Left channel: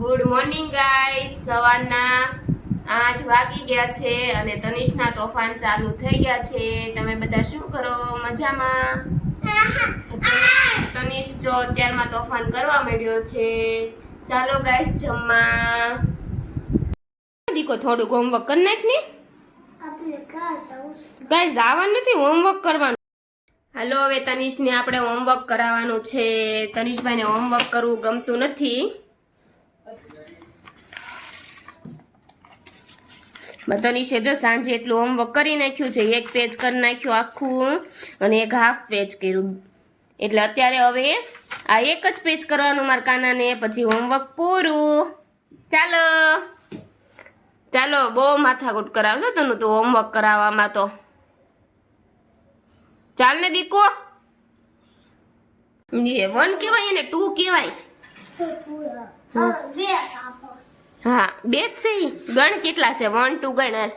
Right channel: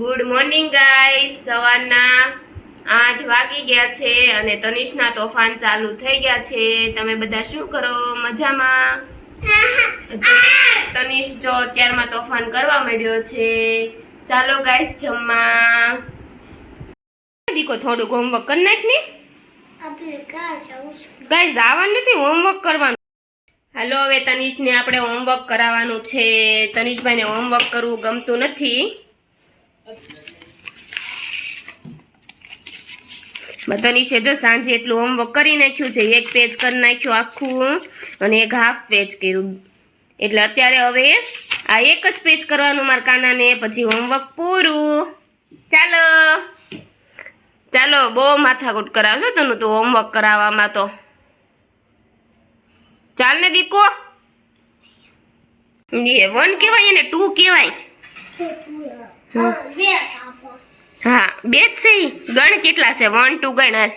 Good morning guys, સવારના 8 વાગી ગયા છે અને તનિષના તોફાન ચાલુ થઈ ગયા છે. તમે બધા શું કરો? મજામાં? તનિષ જો અત્યારમાં તોફાન કરવા માંડ્યો છે. ચાલો ગાઈસ જમવા. દીકો થોડું હોમવર્ક કરી નાખ ને. ગાઈસ આવવાનું નથી, હોમવર્ક કરવાનું. હાલો હવે તનિષને આપણે હોમવર્ક કરાવવાનું છે. તનિષભાઈને હોમવર્ક કરવું ગમતું નથી. તનિષે જો સાંજે એટલું હોમવર્ક કરી નાખ્યું છે, એક પેજ કરી નાખ્યું આખું અને એક હાફ પેજ કર્યું. એટલે અત્યારે હવે આ એક જ પેજ કરવાનું મારા કાનાને, પછી હોમવર્ક પૂરું. ચાલો ચાલો, બહુ માથાકૂટ કરાવશો તને તો હોમવર્ક કરાવવામાં તો. ચાલ ને દીકો. એ 1 કહેવાય એને 2 કહેવાય. હા, બે જ છે. ગણ કેટલા છે? 1 2 ગણ. 1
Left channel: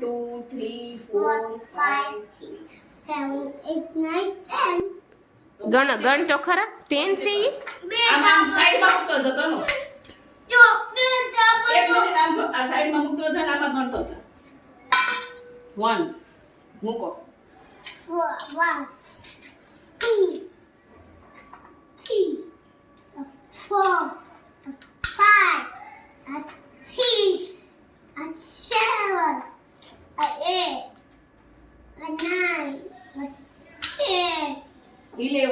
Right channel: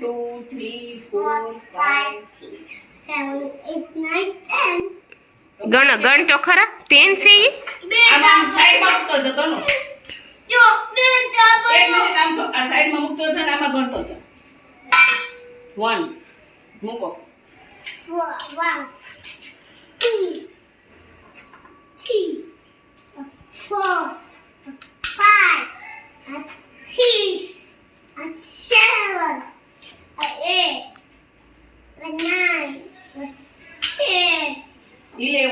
2 3 4 5 6 7 8 9 10 ગણ તો ખરા. 10 છે. આમ સાઈડમાં મૂકતો છે તનો. જો બે એક મિનિટ આમ છો, આ સાઈડમાં મૂકતો છે ને આમાં ગણતો છે. 1 મૂકો. 1 2 3 4 5 6 7 8 9 10 11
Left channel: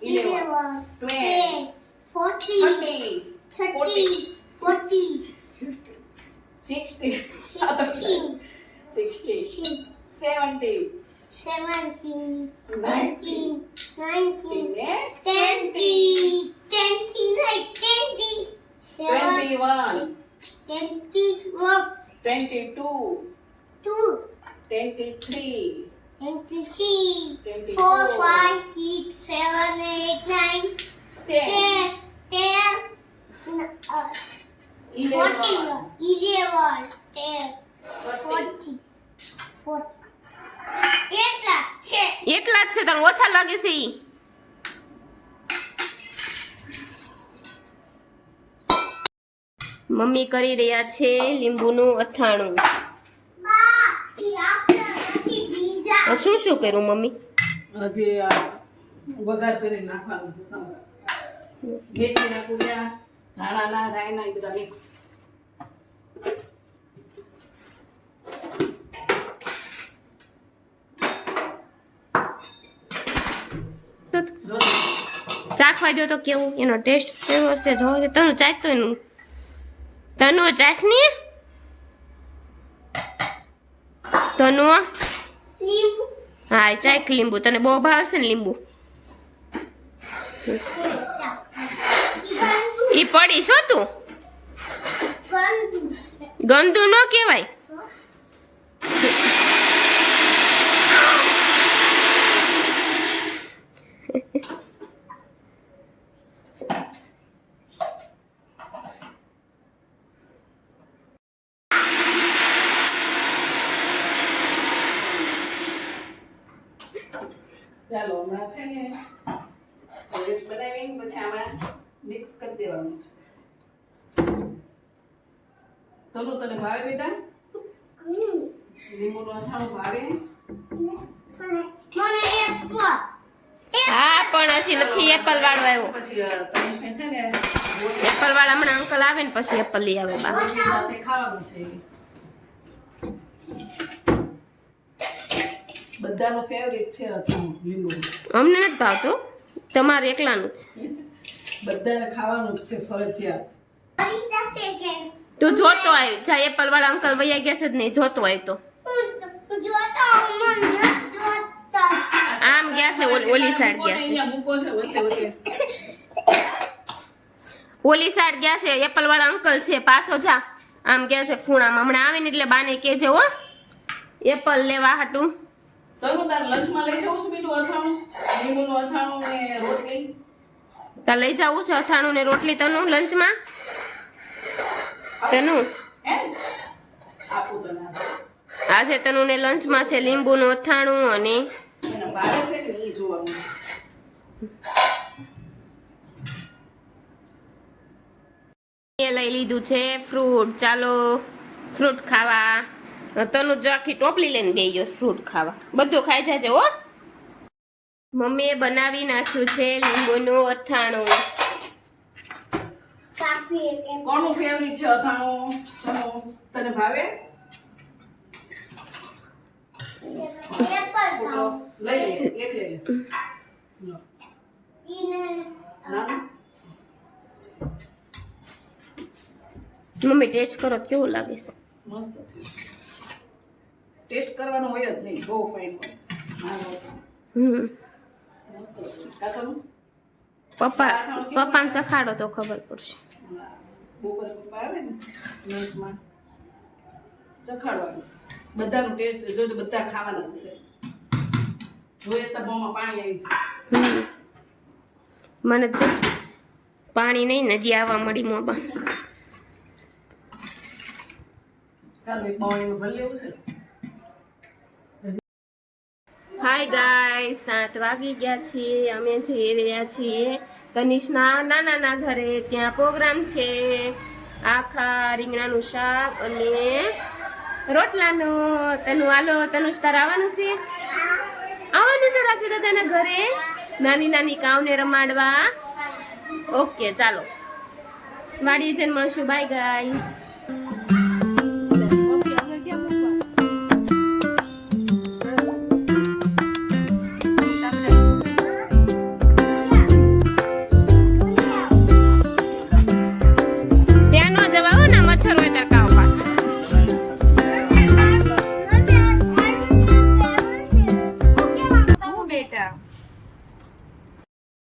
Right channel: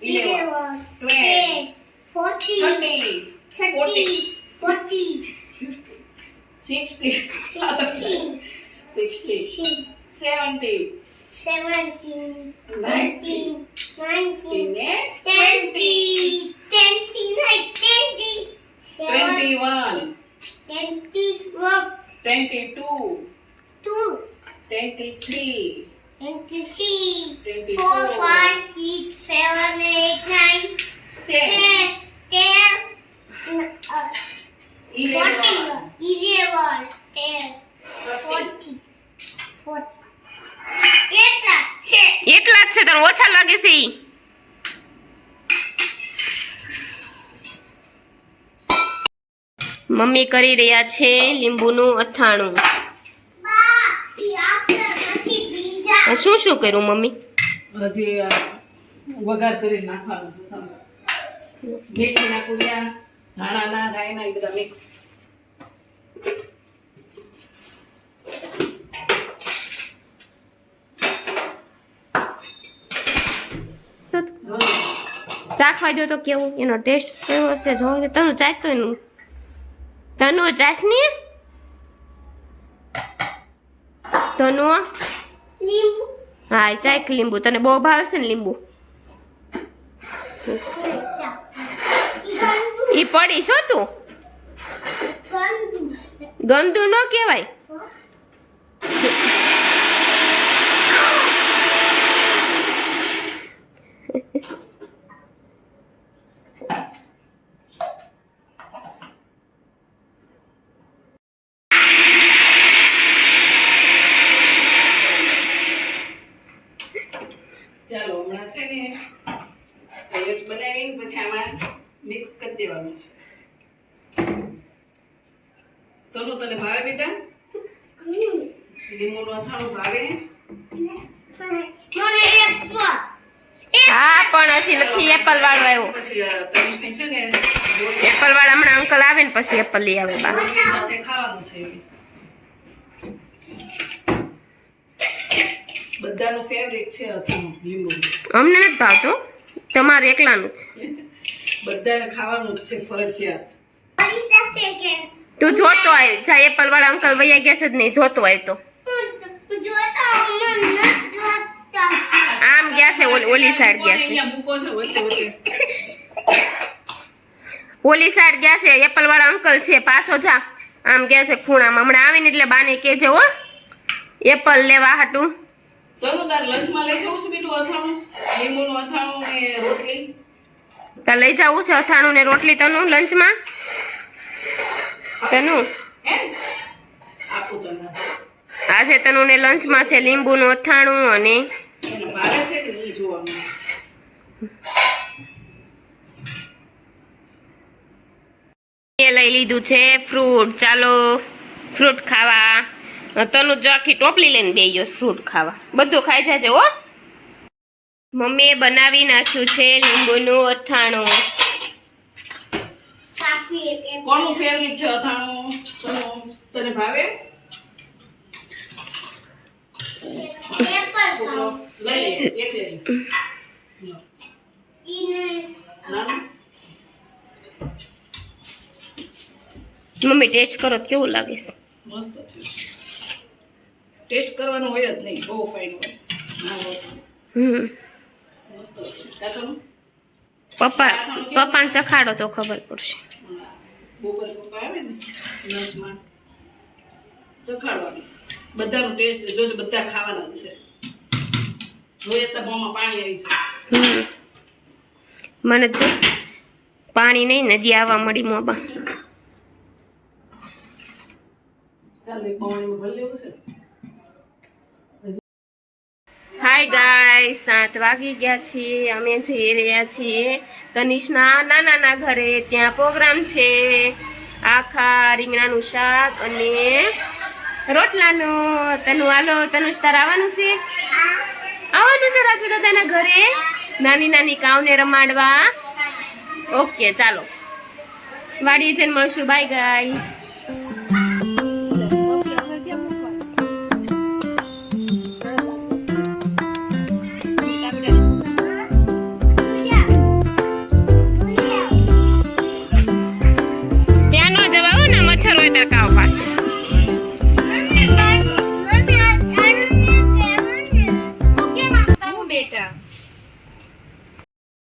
12 14 13 40 60 70 17 18 19 20 21 22 23 24 5 6 7 8 9 10 11 10 40 એટલા જ છે. તને ઓછા લાગે છે ઈ? મમ્મી કરી રહ્યા છે લીંબુનું અથાણું. શું શું કર્યું મમ્મી? હજી આ વઘાર કરી નાખવાનું છે. સાંભળ, મેથીના કુરિયા, ધાણાના, રાયના, એ બધા મિક્સ. ચાખવા જો તો કેવું એનો ટેસ્ટ કેવો હશે જો. તનું ચાખ તો એનું. તનું ચાખ ને. તનું હા ચાખ લીંબુ. તને બહુ ભાવે છે ને લીંબુ? ઈ પડી શું તું? ગંદુ ન કહેવાય. ચાલો હમણાં છે ને પેજ બનાવીને પછી આમાં મિક્સ કરી દેવાનું છે. તને ભાવે બેટા? લીંબુનું અથાણું ભાવે? હા પણ હજી નથી એપલ વાળો આવ્યો. પછી તનિષને છે ને એપલ વાળા હમણાં અંકલ આવે ને પછી એપલ લઈ આવે બા. રોટલી સાથે ખાવાનું છે. બધાનું ફેવરેટ છે અથાણું લીંબુ. અમને નથી ભાવતું, તમારે એકલાનું જ. બધાને ખાવાનું જ છે ફરજિયાત. તું જોતો આવ્યો. જા એપલ વાળા અંકલ વૈયા ગયા છે જ નહીં, જોતો આવ્યો તો. આમ ગયા છે ઓલી સાઈડ ગયા છે. અહીંયા મૂકો છે વચ્ચે વચ્ચે. ઓલી સાઈડ ગયા છે એપલ વાળા અંકલ છે. પાછો જા. આમ ગયા છે ખૂણામાં. હમણાં આવીને એટલે બાને કહેજે હો એપલ લેવા હાટું. તનું તાર લંચમાં લઈ જાઉં છું બેટું અથાણું, લીંબુનું અથાણું ને રોટલી. તાર લઈ જવું છે અથાણું ને રોટલી તનું લંચમાં? તનું હે આપું તો ના. આજે તનું ને લંચમાં છે લીંબુનું અથાણું અને એને ભાવે છે કે નહીં જોવાનું. મમ્મીએ લઈ લીધું છે ફ્રૂટ. ચાલો ફ્રૂટ ખાવા. તનું જો આખી ટોપલી લઈને બેસી ગયો ફ્રૂટ ખાવા. બધું ખાઈ જાજે હો. મમ્મીએ બનાવી નાખ્યું છે લીંબુનું અથાણું. કાફી એક કોનું ફેવરિટ છે અથાણું? તને ભાવે? પેપર ખાઓ લઈ લે, એક લઈ લે. લો. ઈને નાનું? મમ્મી ટેસ્ટ કરો તો કેવું લાગે છે? મસ્ત થયું. ટેસ્ટ કરવાનો હોય જ નહીં, બહુ ફાઇન હોય. મસ્ત થયું. કાકાનું? પપ્પાને ચખાડો તો ખબર પડશે. બપોર પપ્પા આવે ને લંચમાં ચખાડવાનું. બધાનો ટેસ્ટ જોજો, બધા ખાવાના જ છે. જોઈએ તો મોંમાં પાણી આવી જાય. મને જો પાણી નહીં, નદી આવવા મળી મોંમાં. ચાલો એક પાણીમાં ભરી લેવું છે. હાય ગાઈસ, 7 વાગી ગયા છીએ. અમે જઈ રહ્યા છીએ તનિષના નાનાના ઘરે. ત્યાં પ્રોગ્રામ છે આખા રીંગણાનું શાક અને રોટલાનું. તનુ હાલો, તનુષ તાર આવવાનું છે? આવવાનું છે રાજુ દાદાના ઘરે નાની નાની કાવને રમાડવા. ઓકે ચાલો વાડીએ જઈને મળશું. Bye guys.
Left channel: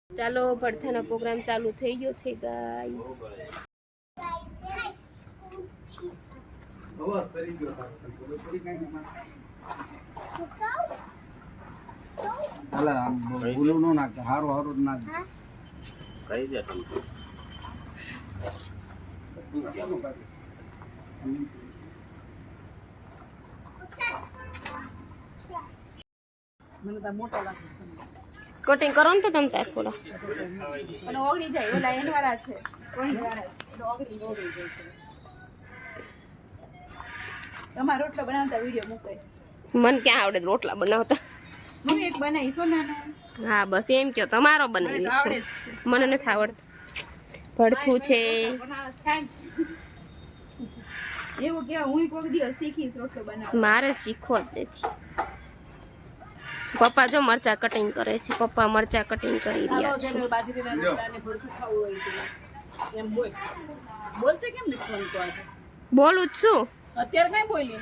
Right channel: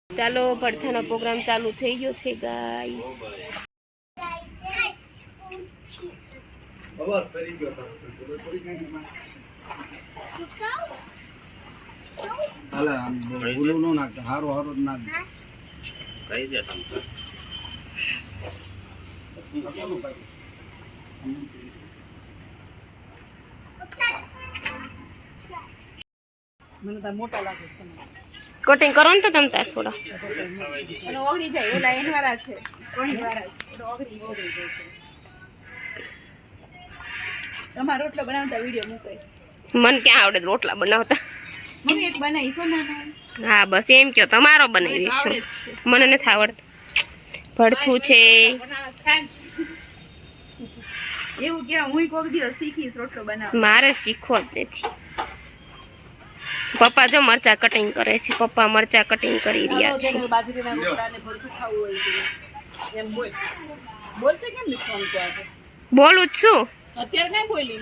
ચાલો ભડથાનો પ્રોગ્રામ ચાલુ થઈ ગયો છે ગાઈસ. મને તો મોટા લાગે છે. કટિંગ કરો ને તો તમ તાર થોડા. અને ઓગળી જાય ઓલા એનવાળા છે ઓગળવાળા ઓગળી જાય છે. તમારો રોટલો બનાવતા વિડિયો મૂકો. મને ક્યાં આવડે રોટલા બનાવતા? હું એક બનાવી સોનાનો. હા બસ એમ કયો, તમારો બનાવી દઈશું. મને નથી આવડતું. ભડથું છે. એવું કે હું કોક દિવસ શીખીશ રોટલો બનાવતા. મારે શીખવો જ નથી. પપ્પા જો મરચા કટિંગ કરે છે. પપ્પા મરચા કટિંગ કરી રહ્યા છે. બોલું જ છું. અત્યારે કઈ બોલી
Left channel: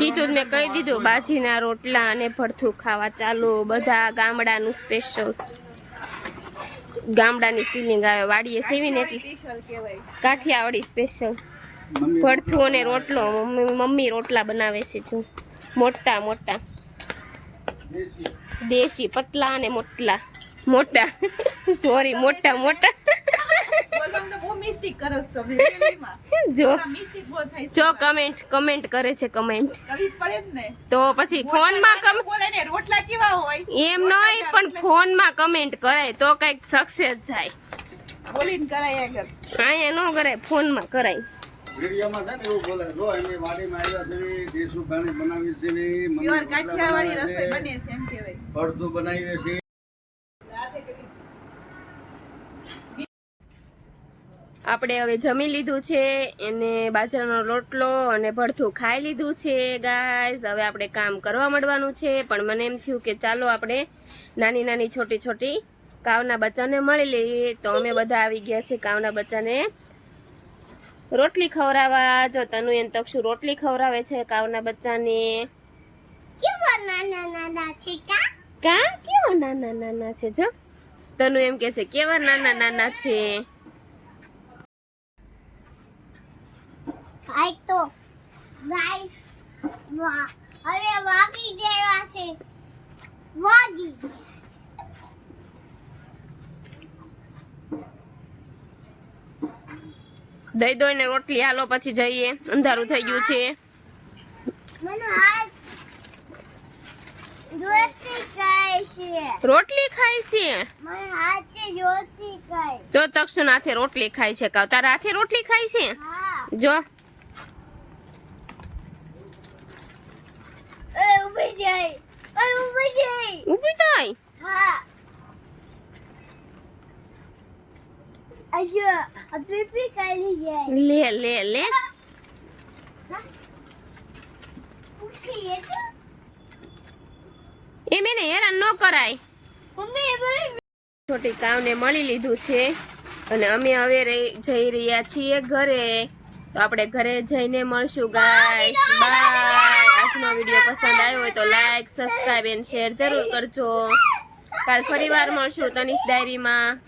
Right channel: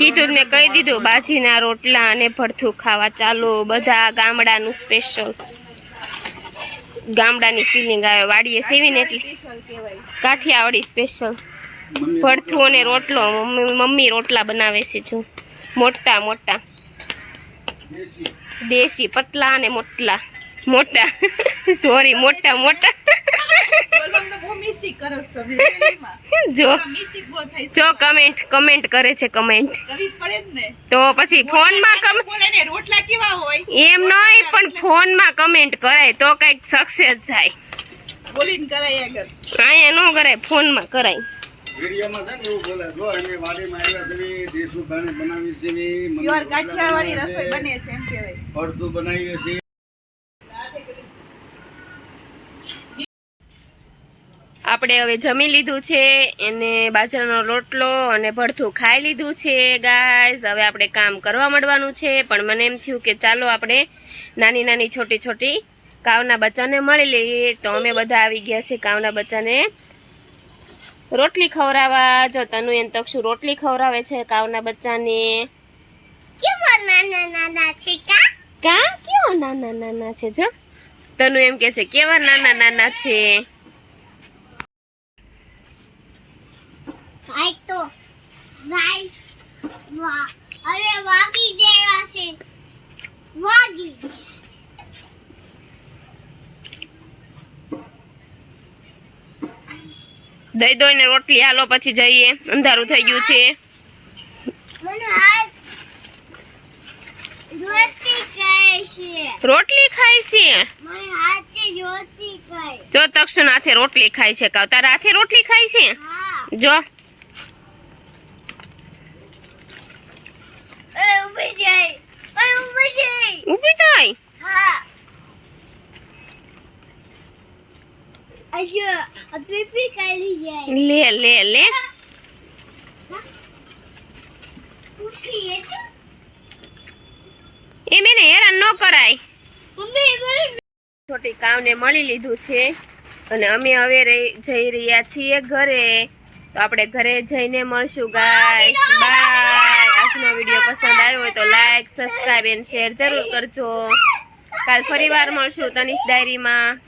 કીધું મેં કહી દીધું. બાજીના રોટલા અને ભડથું ખાવા ચાલો. બધા ગામડાનું સ્પેશિયલ, ગામડાની ફિલિંગ આવે. વાડીએ સેવીને એટલે કાઠિયાવાડી સ્પેશિયલ ભડથું અને રોટલો. મમ્મી રોટલા બનાવે છે જો મોટા મોટા દેશી, પતલા અને મોટલા મોટા. સોરી, મોટા મોટા. જો કમેન્ટ કરે છે. કમેન્ટ તો પછી ફોનમાં રોટલા કેવા હોય એમ નહીં, પણ ફોનમાં કમેન્ટ કરાય તો કઈક સક્સેસ થાય. બોલીને કરાય આગળ. અહીંયા ન કરાય, ફોનમાં કરાય. વિડીયોમાં છે ને એવું બોલે, જો અમે વાડીમાં આવ્યા છે, દેશનું પાણી બનાવી છે, પ્યોર કાઠિયાવાડી રસોઈ બને છે એમ કહેવાય. ભડથું બનાવીએ છીએ. આપણે હવે જમી લીધું છે. એને બાજરાનો રોટલો અને ભડથું ખાઈ લીધું છે ગાઈઝ. હવે આપણે કામ કરવા માંડવાનું છે. પણ મને એમ થયું કે ચાલો આપણે નાની નાની છોટી છોટી કાવના બચ્ચાને મળી લઈએ. તો અમે બધા આવી ગયા છે કાવના બચ્ચાને રોટલી ખવડાવવા. જો તનુ એન તક્ષુ રોટલી ખવડાવે છે કાવના બચ્ચાને. કેવા નાના નાના છે કા કેવા નાના નાના છે. જો તનુ એમ કે છે કેવા નાના નાના છે. આઈ તો ગાઈસ અરે વાગી ગયા છે. વાગી દઈ દો ને રોટલી. હાલો પછી જઈએ, અંધારું થઈ ગયું છે. મને હાથ રોટલી ખાય છે. રોટલી ખાઈ છે. મને હાથે રોટલી ખાય. જો તક્ષણ હાથે રોટલી ખાય છે કાવ તારા હાથે રોટલી ખાય છે હા જો ઊભી જાય ઊભી જાય ઊભી થાય હા અજો પીપી કરી જાય લે લે લે ઉઠી એ તો એ મેને હેરાન ન કરાય મમ્મી બોલ છોટી કાવને મળી લીધું છે અને અમે હવે જઈ રહ્યા છીએ ઘરે તો આપણે ઘરે જઈને મળશું ગાઈસ બાય આજનો વિડીયો પસંદ આવ્યો હોય તો લાઈક સબસ્ક્રાઇબ એન્ડ શેર જરૂર કરજો કાલ ફરીવાર મળશું તનિષ ડાયરીમાં